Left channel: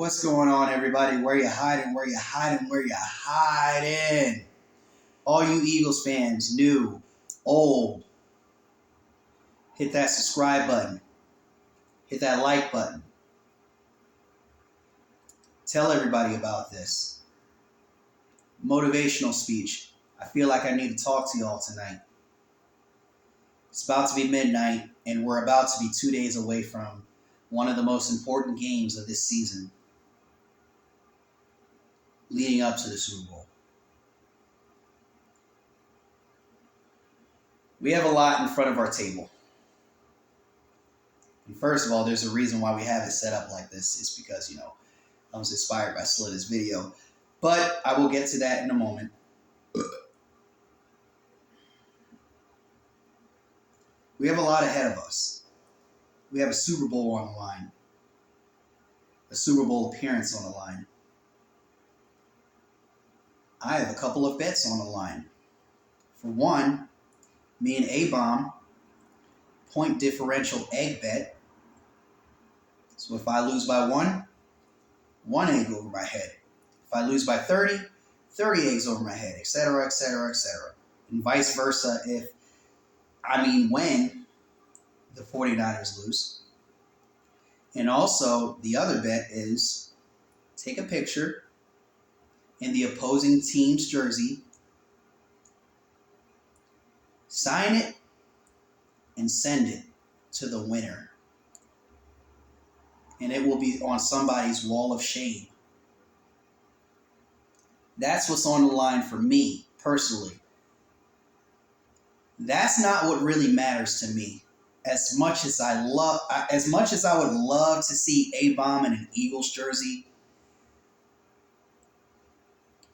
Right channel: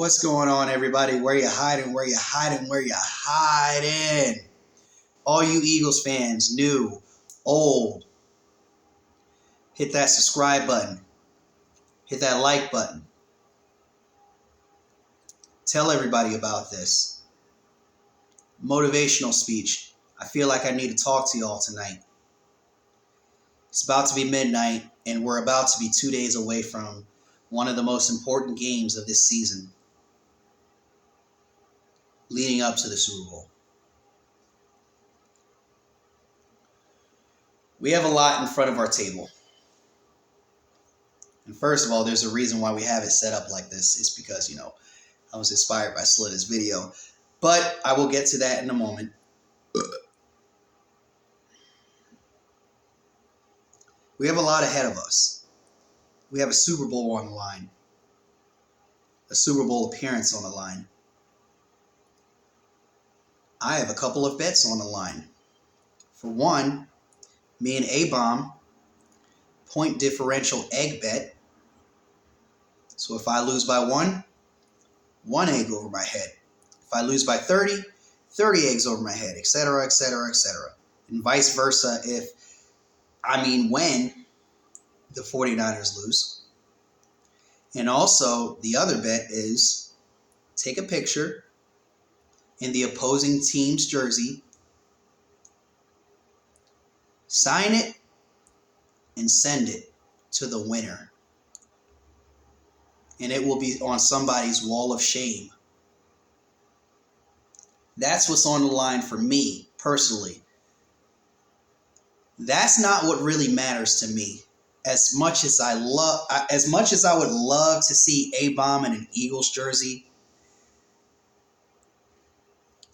What's going on, everybody? Where you hiding? Where you hiding? Where you hiding? All you Eagles fans, new, old, hit that subscribe button. Hit that like button. Tell everybody about this. Motivational speech. I feel like I need to talk to y'all tonight. It's about to be midnight, and we're about to be 2 days away from one of the most important games of this season, leading up to the Super Bowl. We have a lot in front of our table. And first of all, there's a reason why we have it set up like this. It's because, I was inspired by Slitter's video. But I will get to that in a moment. We have a lot ahead of us. We have a Super Bowl on the line. A Super Bowl appearance on the line. I have a couple of bets on the line. For one, me and A-Bomb, point differential egg bet. So if I lose by one egg over my head. If I lose by 30 eggs over my head, etc., etc., etc. And vice versa when the 49ers lose. And also, the other bet is take a picture in the opposing team's jersey, sign it, and send it to the winner. And it will be on somebody's wall of shame. That's what's on the line for me, personally. That's not what really matters to me. As much as I would love to see A-Bomb in an Eagles jersey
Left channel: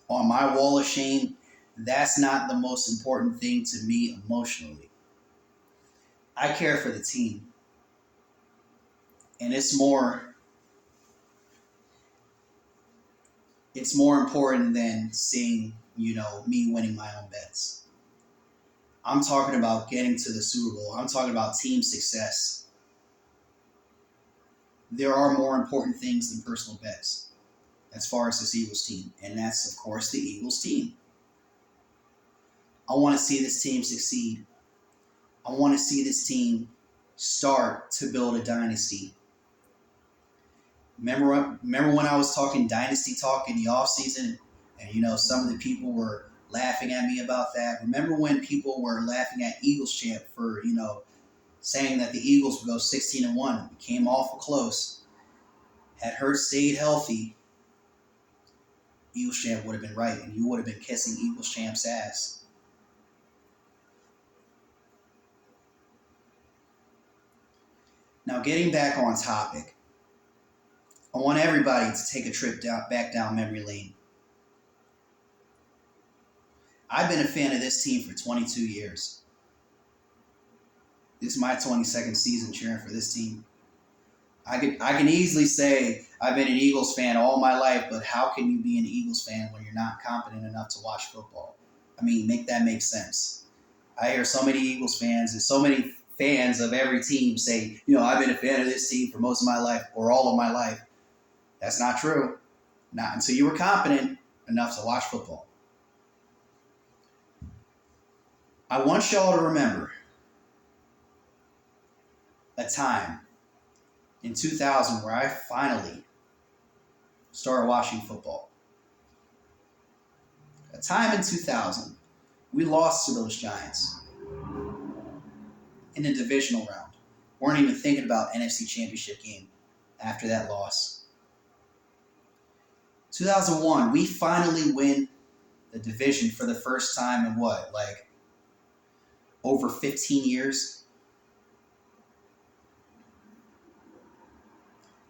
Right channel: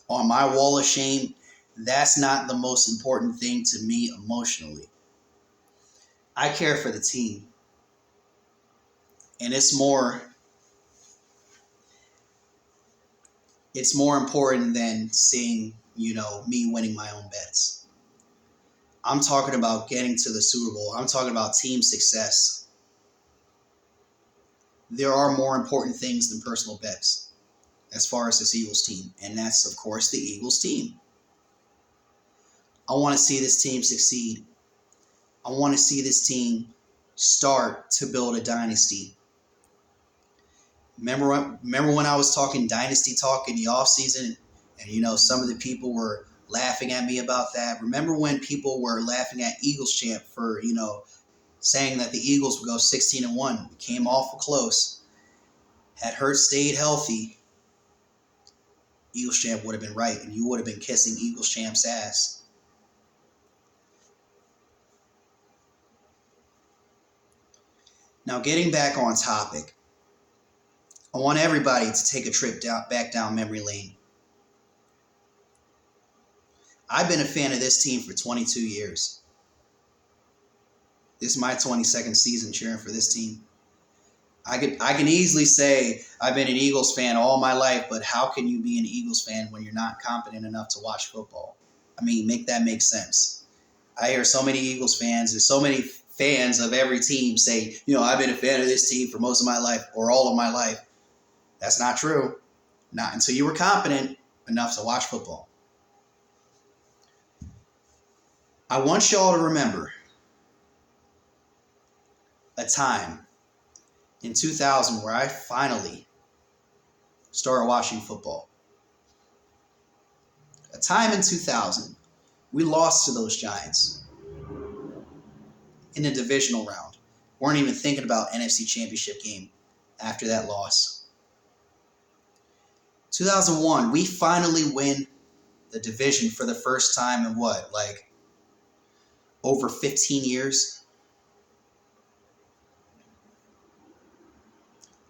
on my wall of shame, that's not the most important thing to me emotionally. I care for the team. And it's more important than seeing, me winning my own bets. I'm talking about getting to the Super Bowl. I'm talking about team success. There are more important things than personal bets as far as this Eagles team. And that's, of course, the Eagles team. I want to see this team succeed. I want to see this team start to build a dynasty. Remember when I was talking dynasty talk in the offseason and, some of the people were laughing at me about that? Remember when people were laughing at Eagles champ for, saying that the Eagles would go 16-1. It came awful close. Had Hurts stayed healthy, Eagles champ would have been right, and you would have been kissing Eagles champ's ass. Now, getting back on topic, I want everybody to take a trip back down memory lane. I've been a fan of this team for 22 years. This is my 22nd season cheering for this team. I can easily say I've been an Eagles fan all my life, but how can you be an Eagles fan when you're not competent enough to watch football? Make that make sense. I hear so many Eagles fans and so many fans of every team say, I've been a fan of this team for most of my life or all of my life. That's not true. Not until you were competent enough to watch football. I want y'all to remember a time in 2000 where I finally started watching football. A time in 2000, we lost to those Giants in the divisional round. Weren't even thinking about NFC Championship game after that loss. 2001, we finally win the division for the first time in over 15 years.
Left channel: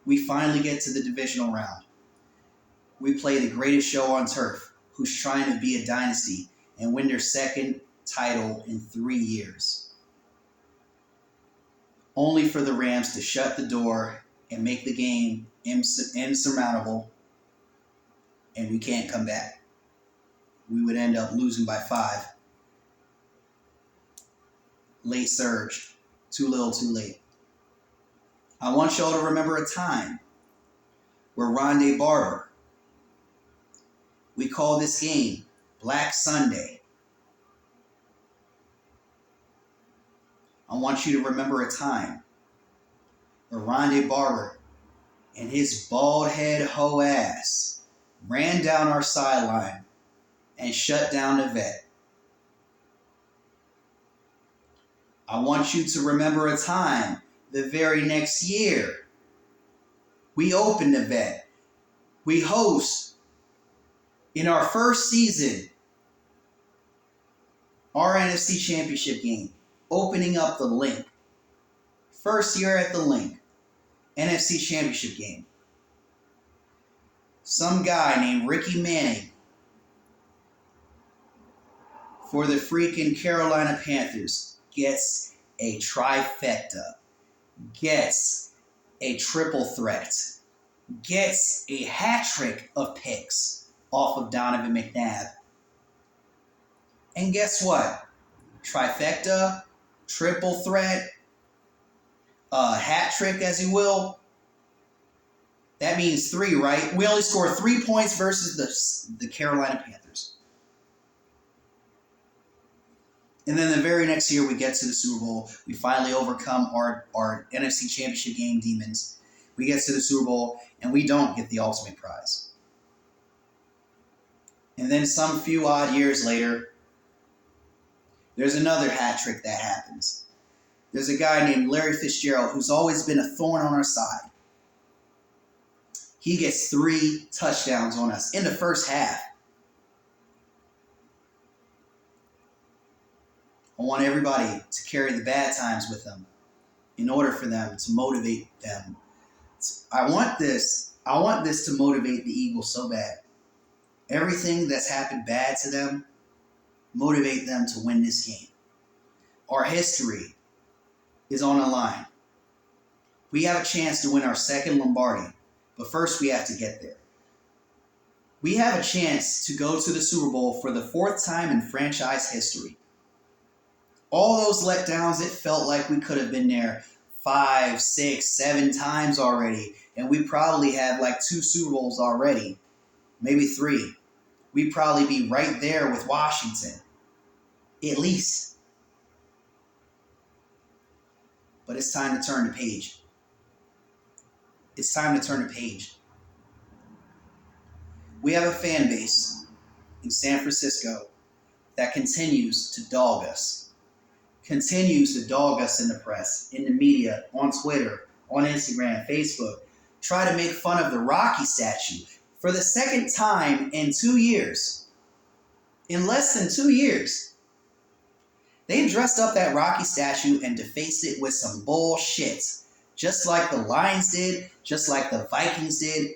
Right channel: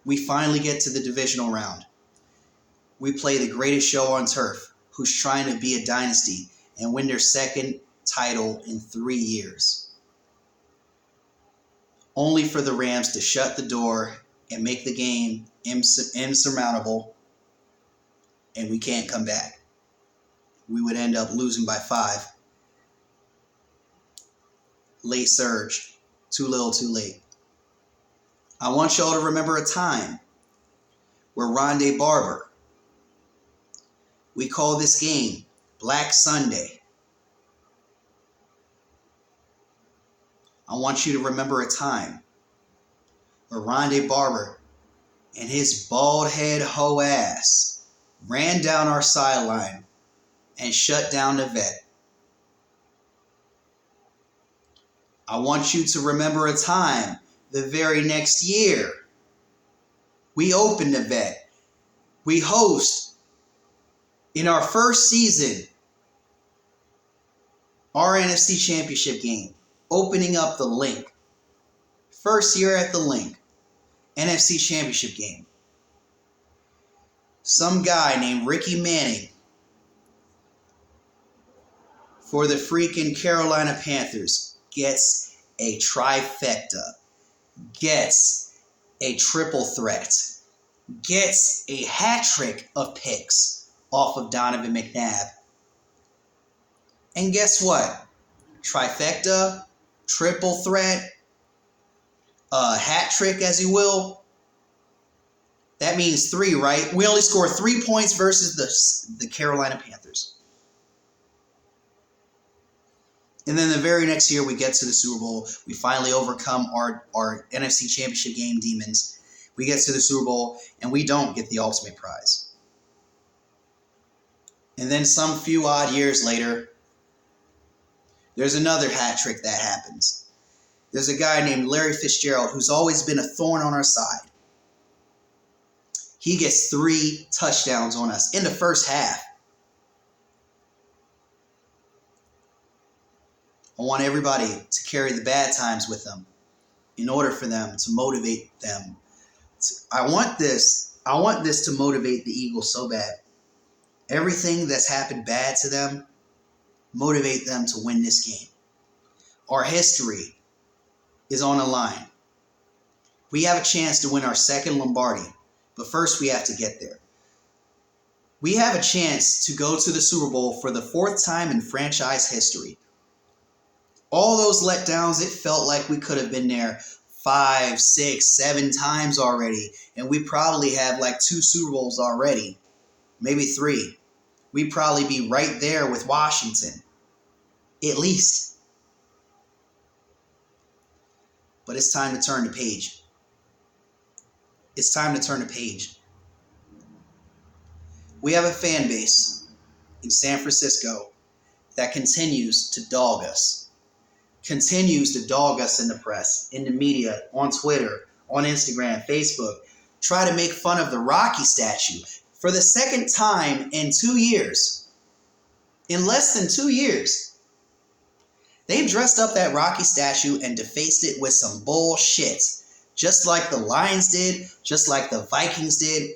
We finally get to the divisional round. We play the greatest show on turf, who's trying to be a dynasty and win their second title in 3 years. Only for the Rams to shut the door and make the game insurmountable, and we can't come back. We would end up losing by 5. Late surge. Too little, too late. I want y'all to remember a time We're Rondé Barber. We call this game Black Sunday. I want you to remember a time where Rondé Barber and his bald head hoe ass ran down our sideline and shut down the vet. I want you to remember a time the very next year we open the vet. We host in our first season our NFC Championship game, opening up the link. First year at the link, NFC Championship game. Some guy named Ricky Manning for the freaking Carolina Panthers gets a trifecta, gets a triple threat, gets a hat trick of picks off of Donovan McNabb. And guess what? Trifecta, triple threat, hat trick, as you will. That means 3, right? We only scored 3 points versus the Carolina Panthers. And then the very next year, we get to the Super Bowl. We finally overcome our NFC Championship game demons. We get to the Super Bowl, and we don't get the ultimate prize. And then some few odd years later, there's another hat trick that happens. There's a guy named Larry Fitzgerald who's always been a thorn on our side. He gets 3 touchdowns on us in the first half. I want everybody to carry the bad times with them in order for them to motivate them. I want this to motivate the Eagles so bad. Everything that's happened bad to them, motivate them to win this game. Our history is on the line. We have a chance to win our second Lombardi, but first we have to get there. We have a chance to go to the Super Bowl for the 4th time in franchise history. All those letdowns, it felt like we could have been there 5, 6, 7 times already, and we probably have like 2 Super Bowls already, maybe 3. We'd probably be right there with Washington, at least. But it's time to turn the page. It's time to turn the page. We have a fan base in San Francisco that continues to dog us. Continues to dog us in the press, in the media, on Twitter, on Instagram, Facebook. Try to make fun of the Rocky statue for the second time in 2 years. In less than 2 years. They dressed up that Rocky statue and defaced it with some bullshit. Just like the Lions did, just like the Vikings did.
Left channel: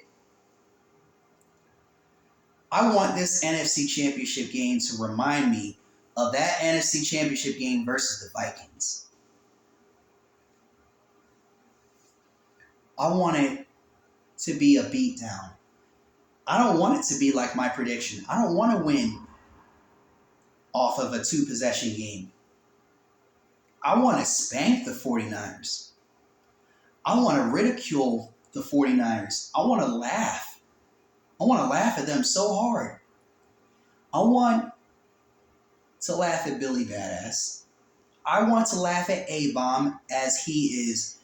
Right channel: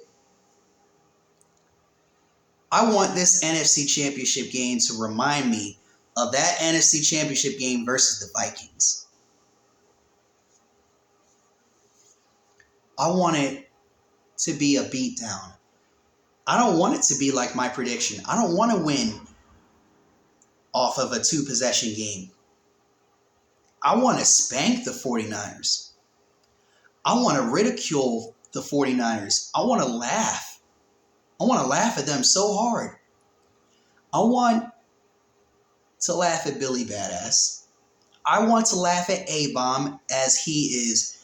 I want this NFC Championship game to remind me of that NFC Championship game versus the Vikings. I want it to be a beatdown. I don't want it to be like my prediction. I don't want to win off of a 2-possession game. I want to spank the 49ers. I want to ridicule the 49ers. I want to laugh. I want to laugh at them so hard. I want to laugh at Billy Badass. I want to laugh at A-Bomb as he is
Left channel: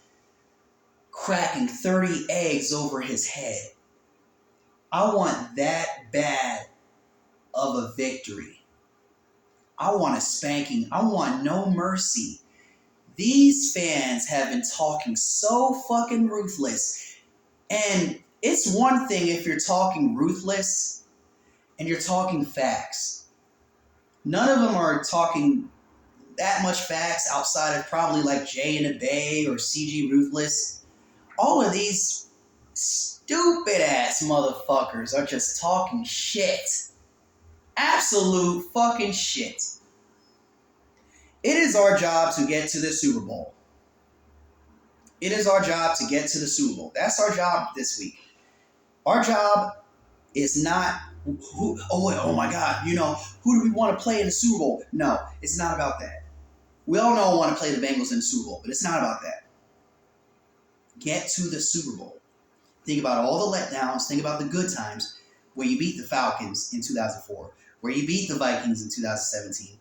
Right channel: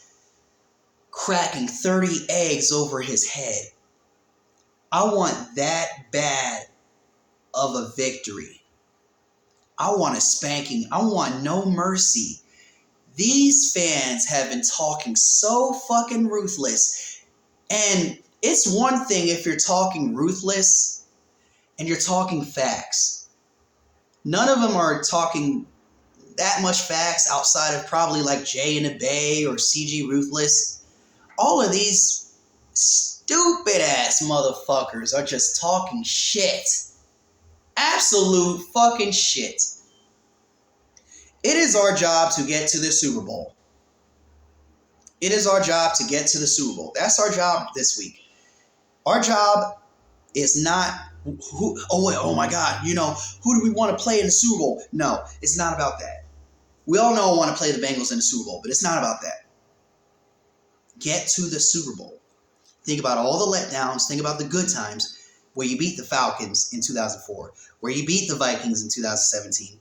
cracking 30 eggs over his head. I want that bad of a victory. I want a spanking. I want no mercy. These fans have been talking so fucking ruthless. And it's one thing if you're talking ruthless and you're talking facts. None of them are talking that much facts outside of probably like Jay in the Bay or CG Ruthless. All of these stupid ass motherfuckers are just talking shit. Absolute fucking shit. It is our job to get to the Super Bowl. It is our job to get to the Super Bowl. That's our job this week. Our job is not, oh my God, who do we want to play in the Super Bowl? No, it's not about that. We all know I want to play the Bengals in the Super Bowl, but it's not about that. Get to the Super Bowl. Think about all the letdowns. Think about the good times where you beat the Falcons in 2004, where you beat the Vikings in 2017.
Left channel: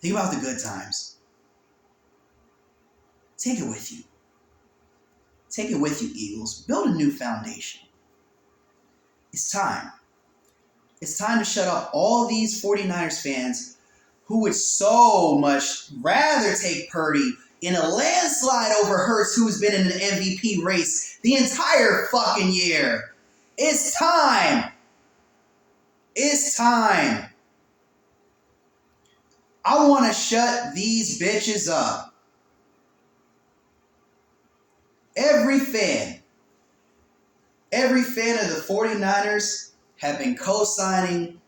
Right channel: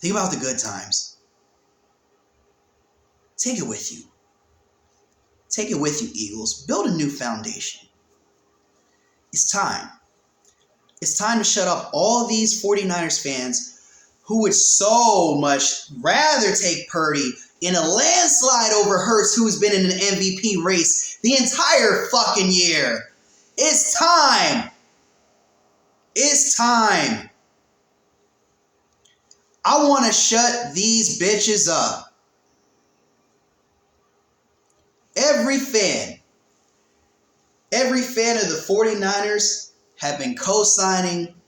Think about the good times. Take it with you. Take it with you, Eagles. Build a new foundation. It's time. It's time to shut up all these 49ers fans who would so much rather take Purdy in a landslide over Hurts, who's been in an MVP race the entire fucking year. It's time. It's time. I want to shut these bitches up. Every fan of the 49ers have been co-signing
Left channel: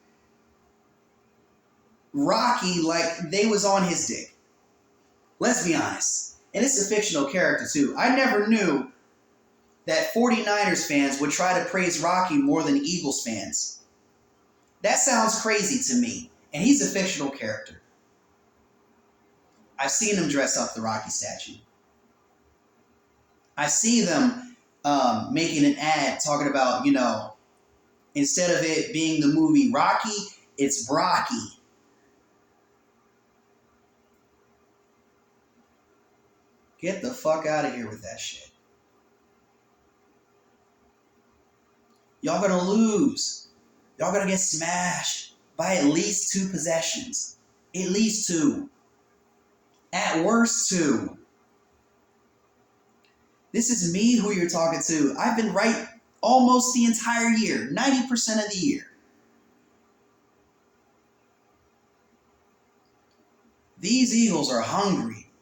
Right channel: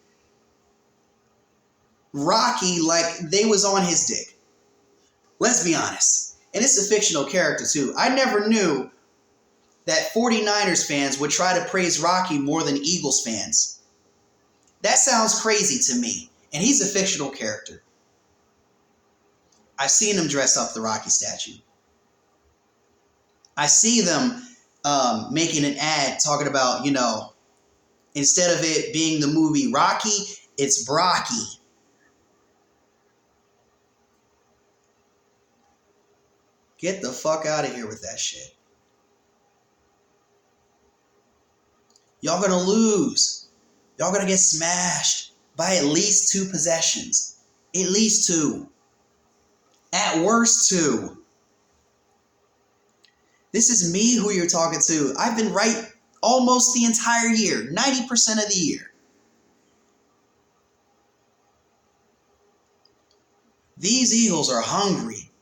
Rocky like they was on his dick. Let's be honest. And it's a fictional character too. I never knew that 49ers fans would try to praise Rocky more than Eagles fans. That sounds crazy to me. And he's a fictional character. I've seen him dress up the Rocky statue. I see them making an ad talking about, instead of it being the movie Rocky, it's Brocky. Get the fuck out of here with that shit. Y'all gonna lose. Y'all gonna get smashed by at least 2 possessions. At least 2. At worst 2. This is me who you're talking to. I've been right almost the entire year. 90% of the year. These Eagles are hungry.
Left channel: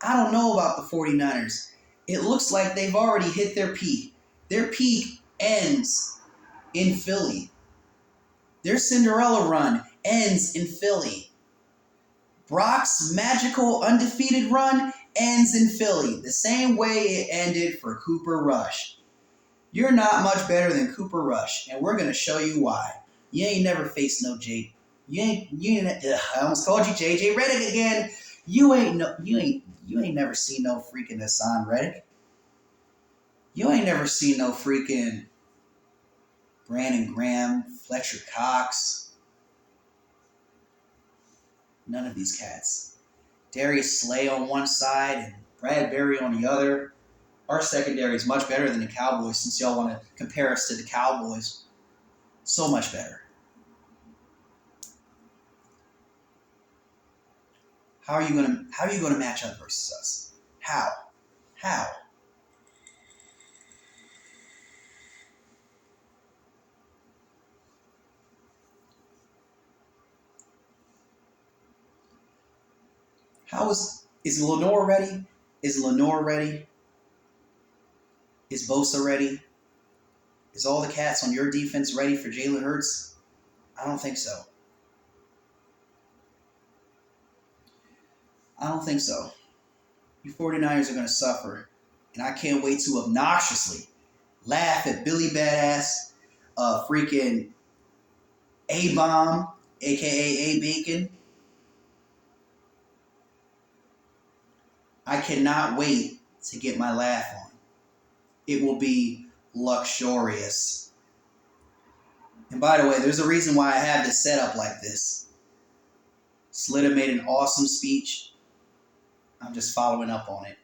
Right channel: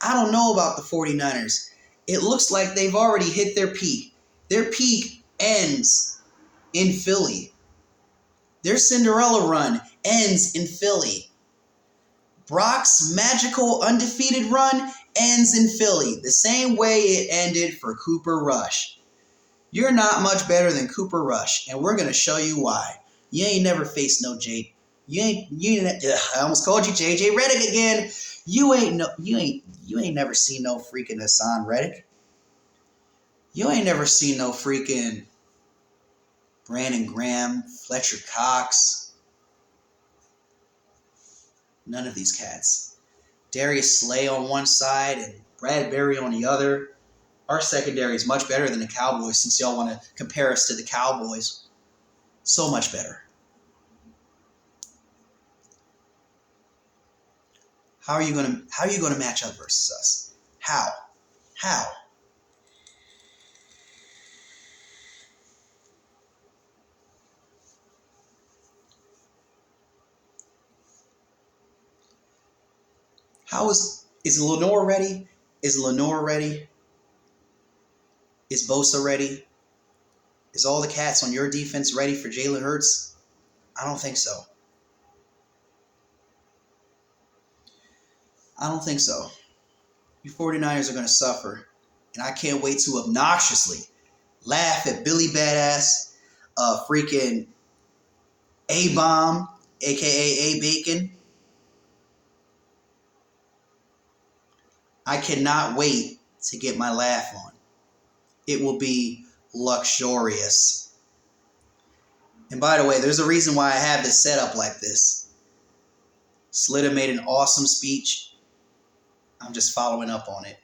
I don't know about the 49ers. It looks like they've already hit their peak. Their peak ends in Philly. Their Cinderella run ends in Philly. Brock's magical undefeated run ends in Philly, the same way it ended for Cooper Rush. You're not much better than Cooper Rush, and we're gonna show you why. You ain't never faced no Jake. I almost called you JJ Redick again. You ain't never seen no freaking Hassan Reddick. You ain't never seen no freaking Brandon Graham, Fletcher Cox. None of these cats. Darius Slay on one side and Bradbury on the other. Our secondary is much better than the Cowboys, since y'all want to compare us to the Cowboys. So much better. How are you gonna match up versus us? How? Is Lenore ready? Is Lenore ready? Is Bosa ready? Is all the cats on your defense ready for Jalen Hurts? I don't think so. I don't think so. You 49ers are going to suffer. And I can't wait to obnoxiously laugh at Billy Badass, freaking A-Bomb, a.k.a. A-Bacon. I cannot wait to get my laugh on. It will be luxurious. And by the way, there's a reason why I have this set up like this. Slitta made an awesome speech. I'm just following up on it.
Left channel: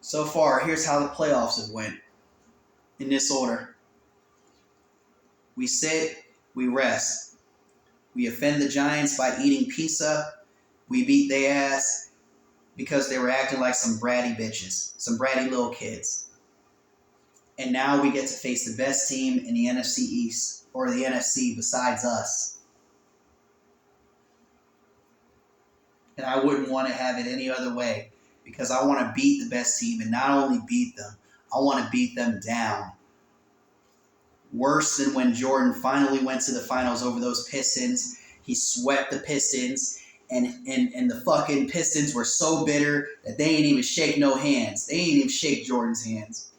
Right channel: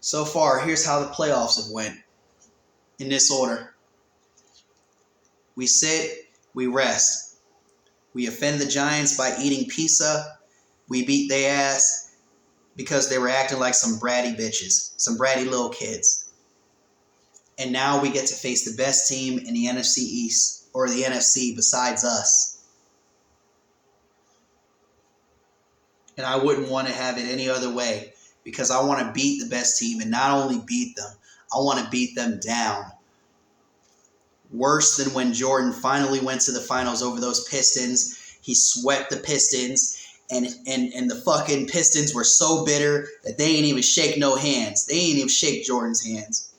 So far, here's how the playoffs have went. In this order. We sit, we rest. We offend the Giants by eating pizza. We beat their ass because they were acting like some bratty bitches. Some bratty little kids. And now we get to face the best team in the NFC East, or the NFC besides us. And I wouldn't want to have it any other way, because I want to beat the best team, and not only beat them, I want to beat them down. Worse than when Jordan finally went to the finals over those Pistons. He swept the Pistons, and the fucking Pistons were so bitter that they ain't even shake no hands. They ain't even shake Jordan's hands.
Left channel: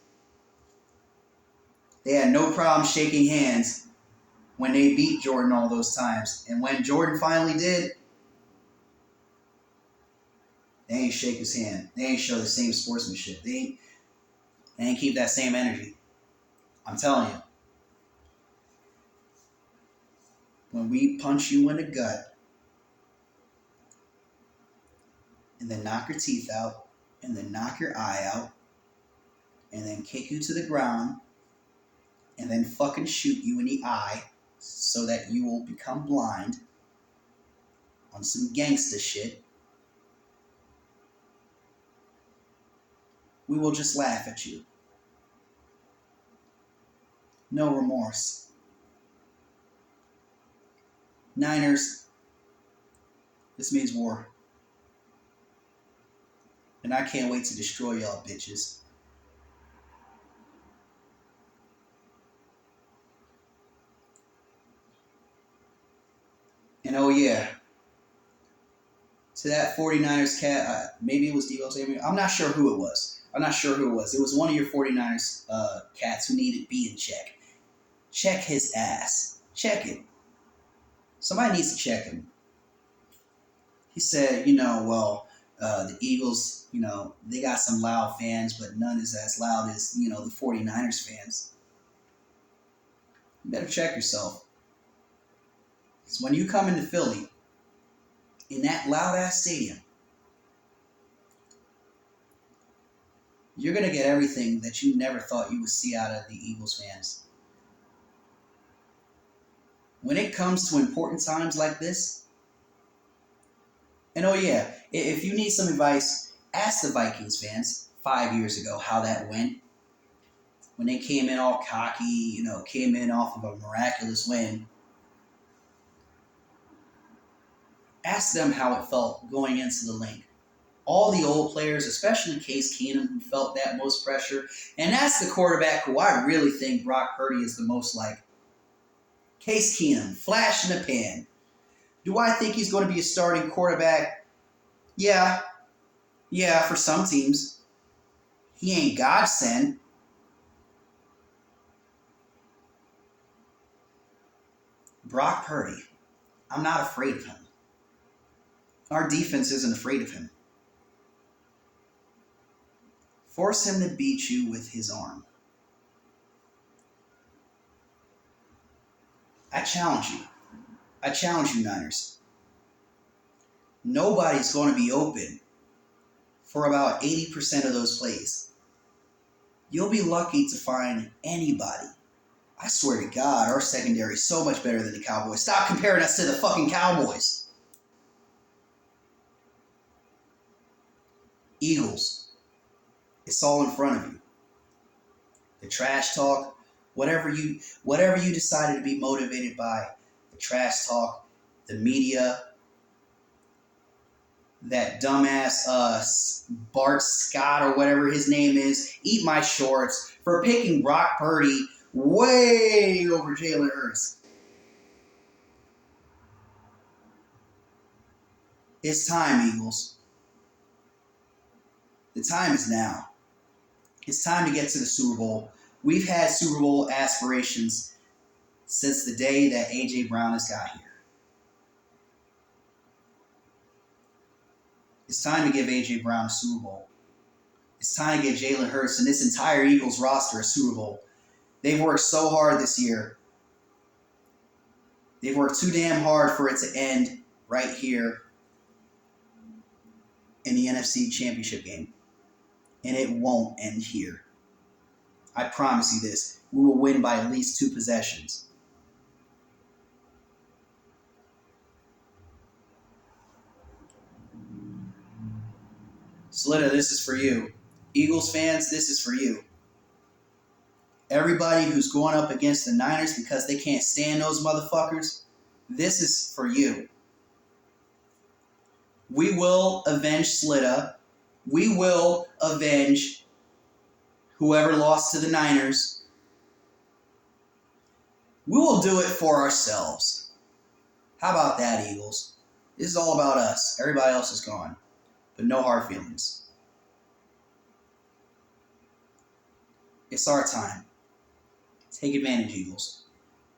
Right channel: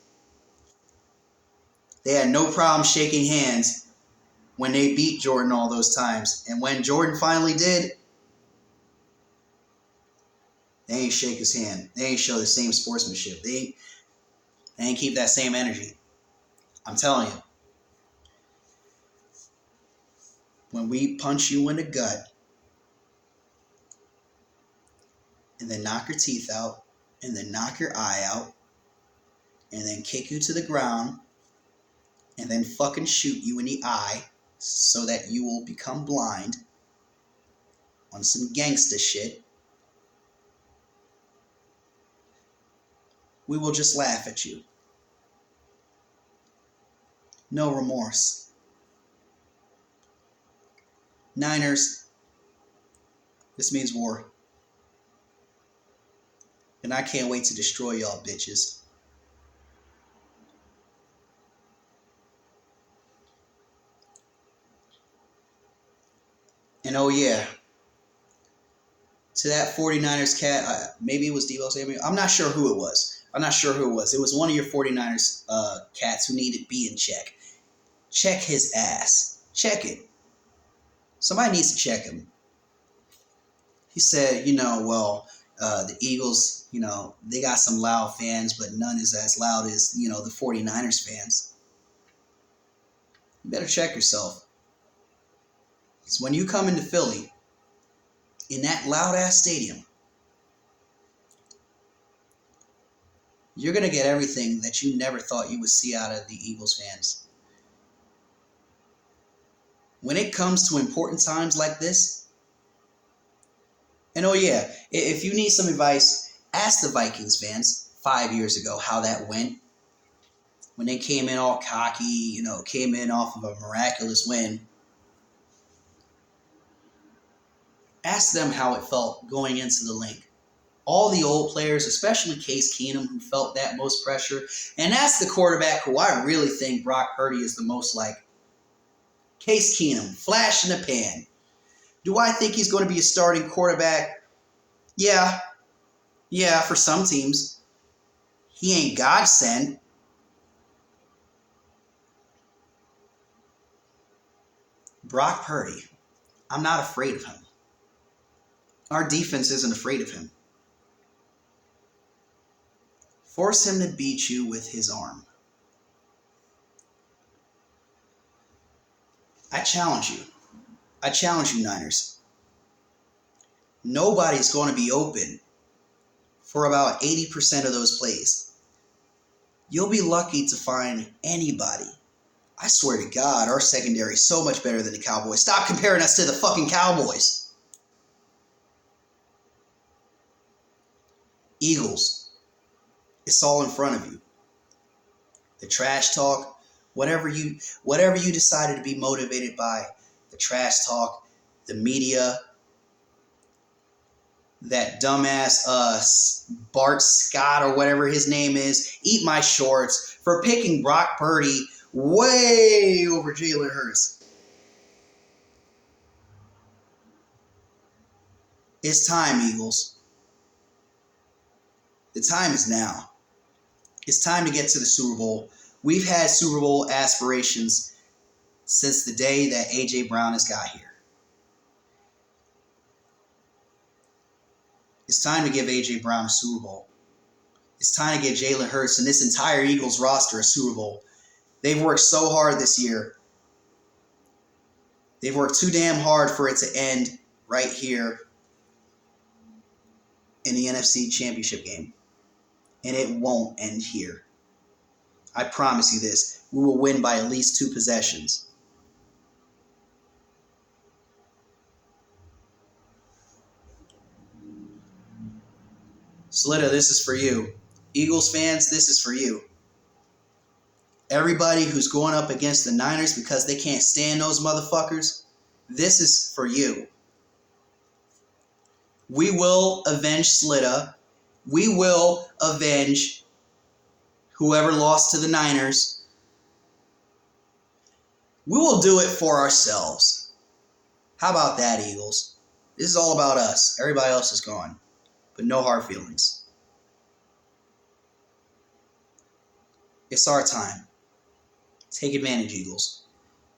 They had no problem shaking hands when they beat Jordan all those times. And when Jordan finally did, They ain't shake his hand. They ain't show the same sportsmanship. They ain't keep that same energy. I'm telling you. When we punch you in the gut and then knock your teeth out and then knock your eye out and then kick you to the ground and then fucking shoot you in the eye so that you will become blind on some gangsta shit, we will just laugh at you. No remorse. Niners, this means war. And I can't wait to destroy y'all bitches. And oh yeah, to that 49ers cat, maybe it was Devo Samuel. I'm not sure who it was. It was one of your 49ers cats who needed be in check. Check his ass. Check it. Somebody needs to check him. He said, the Eagles, they got some loud fans, but none is as loud as, the 49ers fans. You better check yourself. Because when you come into Philly, in that loud-ass stadium, you're going to get everything that you never thought you would see out of the Eagles fans. When it comes to important times like this, and oh yeah, if you need some advice, ask the Vikings fans 5 years ago how that went. When they came in all cocky, came in off of a miraculous win. Ask them how it felt going into the link. All the old players, especially Case Keenum, who felt that most pressure. And ask the quarterback who I really think Brock Purdy is the most like. Case Keenum, flash in the pan. Do I think he's going to be a starting quarterback? Yeah, for some teams. He ain't God sent. Brock Purdy, I'm not afraid of him. Our defense isn't afraid of him. Force him to beat you with his arm. I challenge you, Niners. Nobody's going to be open for about 80% of those plays. You'll be lucky to find anybody. I swear to God, our secondary is so much better than the Cowboys. Stop comparing us to the fucking Cowboys. Eagles, it's all in front of you. The trash talk, whatever you decided to be motivated by, the trash talk, the media, that dumbass Bart Scott or whatever his name is, eat my shorts for picking Brock Purdy way over Jalen Hurts. It's time, Eagles. The time is now. It's time to get to the Super Bowl. We've had Super Bowl aspirations since the day that A.J. Brown has got here. It's time to give A.J. Brown a Super Bowl. It's time to give Jalen Hurts and this entire Eagles roster a Super Bowl. They've worked so hard this year. They've worked too damn hard for it to end right here in the NFC Championship game. And it won't end here. I promise you this. We will win by at least 2 possessions. Slitta, this is for you. Eagles fans, this is for you. Everybody who's going up against the Niners because they can't stand those motherfuckers, this is for you. We will avenge Slitta. We will avenge whoever lost to the Niners. We will do it for ourselves. How about that, Eagles? This is all about us. Everybody else is gone. But no hard feelings. It's our time. Take advantage, Eagles.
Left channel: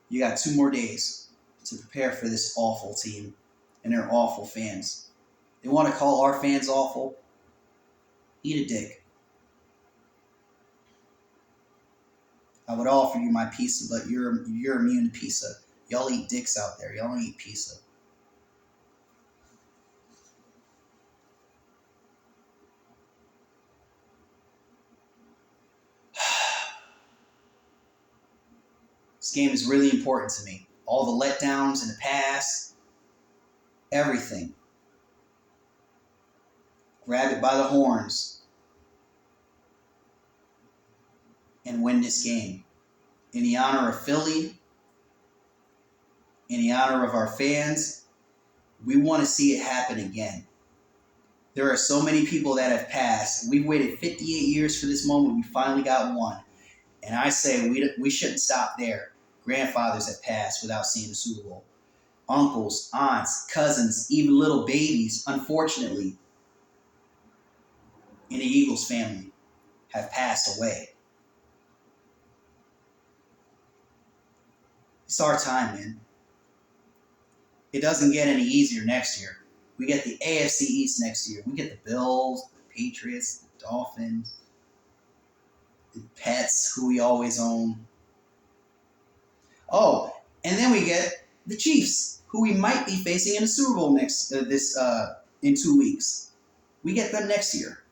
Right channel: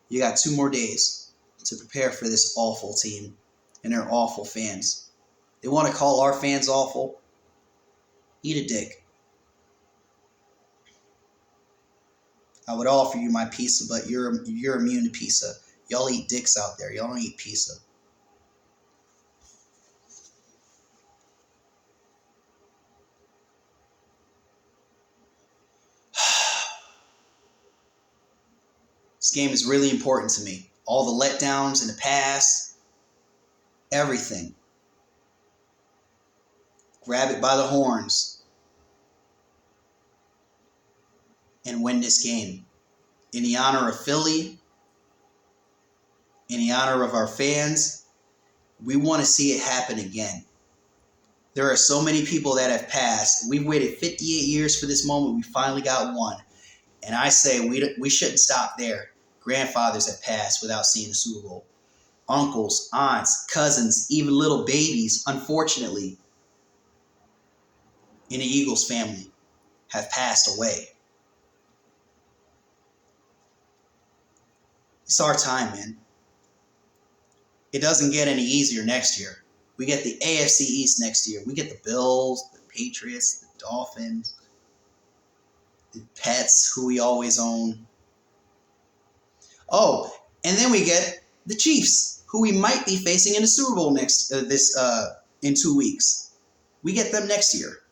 You got 2 more days to prepare for this awful team and their awful fans. They want to call our fans awful. Eat a dick. I would offer you my pizza, but you're immune to pizza. Y'all eat dicks out there. Y'all don't eat pizza. This game is really important to me. All the letdowns in the past, everything. Grab it by the horns and win this game. In the honor of Philly, in the honor of our fans, we want to see it happen again. There are so many people that have passed. We've waited 58 years for this moment. We finally got one. And I say we shouldn't stop there. Grandfathers have passed without seeing the Super Bowl. Uncles, aunts, cousins, even little babies, unfortunately, in the Eagles family have passed away. It's our time, man. It doesn't get any easier next year. We get the AFC East next year. We get the Bills, the Patriots, the Dolphins, the Pets, who we always own. Oh, and then we get the Chiefs, who we might be facing in the Super Bowl in 2 weeks. We get them next year.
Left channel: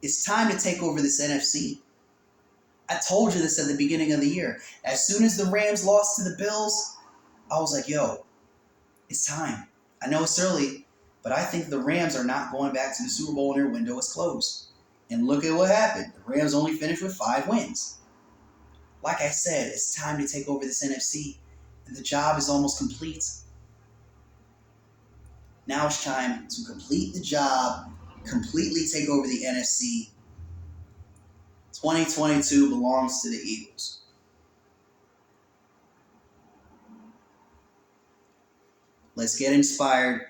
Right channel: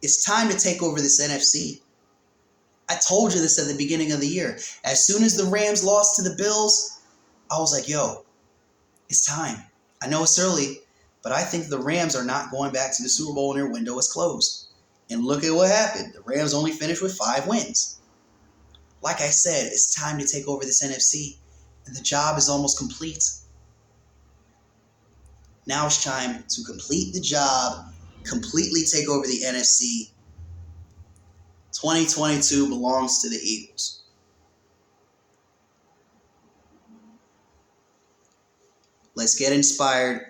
It's time to take over this NFC. I told you this at the beginning of the year. As soon as the Rams lost to the Bills, I was like, yo, it's time. I know it's early, but I think the Rams are not going back to the Super Bowl when their window is closed. And look at what happened. The Rams only finished with 5 wins. Like I said, it's time to take over this NFC, and the job is almost complete. Now it's time to complete the job, completely take over the NFC. 2022 belongs to the Eagles. Let's get inspired.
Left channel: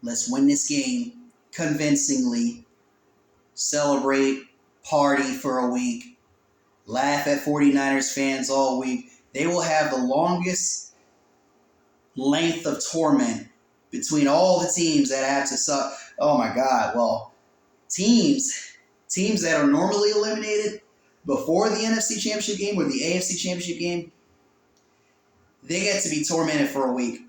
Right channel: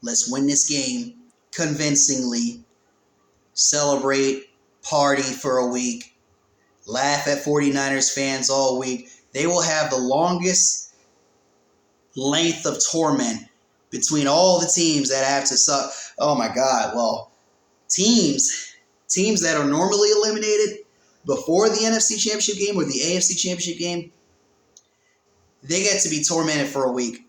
Let's win this game convincingly. Celebrate, party for a week. Laugh at 49ers fans all week. They will have the longest length of torment between all the teams that have to suck. Oh my God. Well, teams that are normally eliminated before the NFC Championship game or the AFC Championship game, they get to be tormented for a week.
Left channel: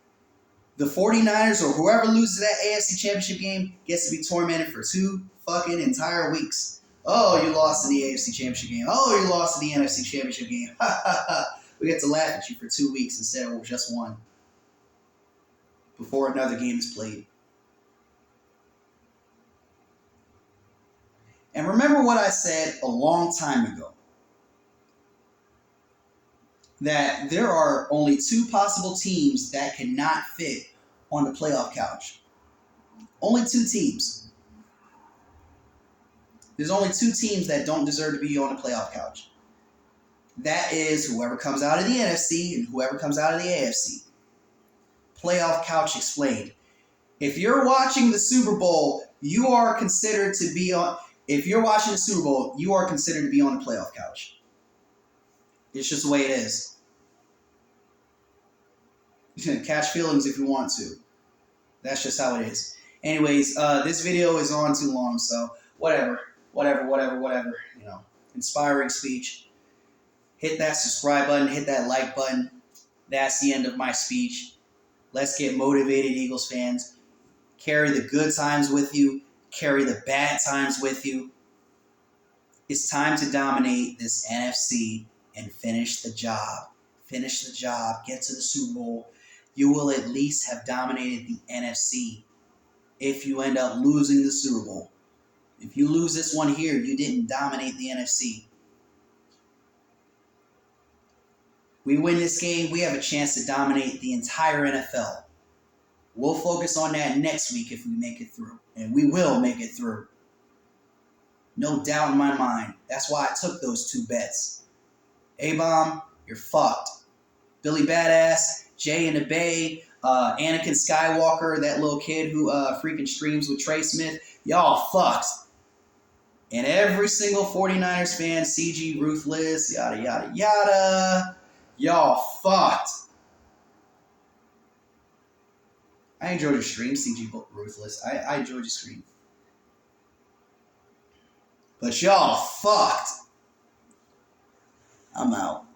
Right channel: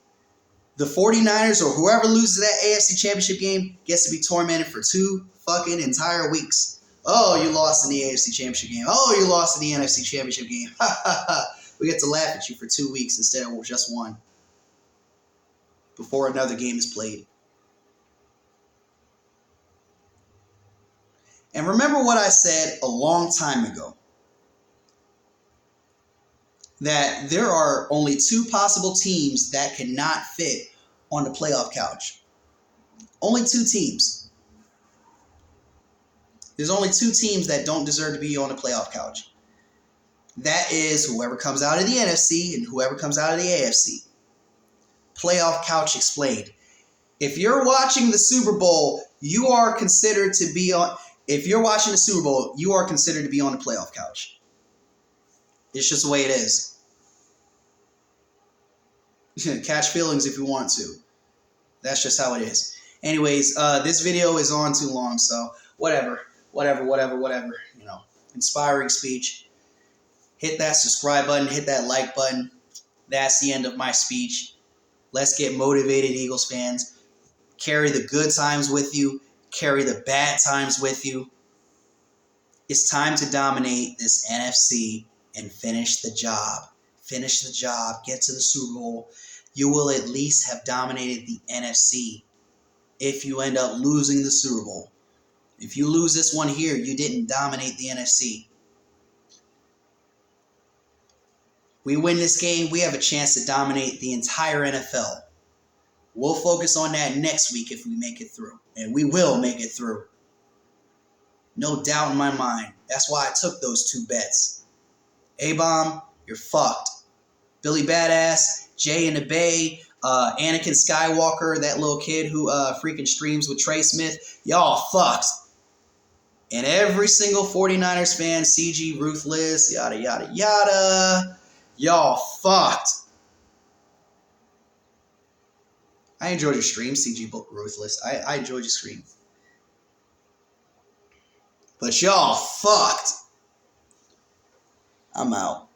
The 49ers or whoever loses that AFC Championship game gets to be tormented for 2 fucking entire weeks. Oh, you lost in the AFC Championship game. Oh, you lost in the NFC Championship game. We get to laugh at you for 2 weeks instead of just 1 before another game is played. And remember what I said a long time ago, that there are only 2 possible teams that cannot fit on the playoff couch. Only 2 teams. There's only 2 teams that don't deserve to be on the playoff couch. That is whoever comes out of the NFC and whoever comes out of the AFC. Playoff couch explained. If you're watching the Super Bowl, you are considered to be on... If you're watching the Super Bowl, you are considered to be on the playoff couch. It's just the way it is. Catch feelings if you want to. That's just how it is. Anyways, this video is on too long, so whatever. You know, inspiring speech. Hit that subscribe button. Hit that like button. That's the end of my speech. Let's get motivated, Eagles fans. Carry the good times with you. Carry the bad times with you. It's time to dominate this NFC and finish the job. Finish the job. Get to the Super Bowl. You will at least have dominated the NFC if you end up losing the Super Bowl. If you lose this one here, you didn't dominate the NFC. We win this game, we have a chance to dominate the entire NFL. We'll focus on that next week if we make it through. And we will make it through. No doubt in my mind. That's why I took those 2 bets. A-Bomb, you're fucked. Billy Badass, Jay in the Bay, Anakin Skywalker, that little kid who freaking streams with Trey Smith, y'all fucked. And every single 49ers fan, CG Ruthless, yada, yada, yada, y'all fucked. I enjoyed your stream, CG Ruthless. I enjoyed your stream. But y'all fucked. I'm out.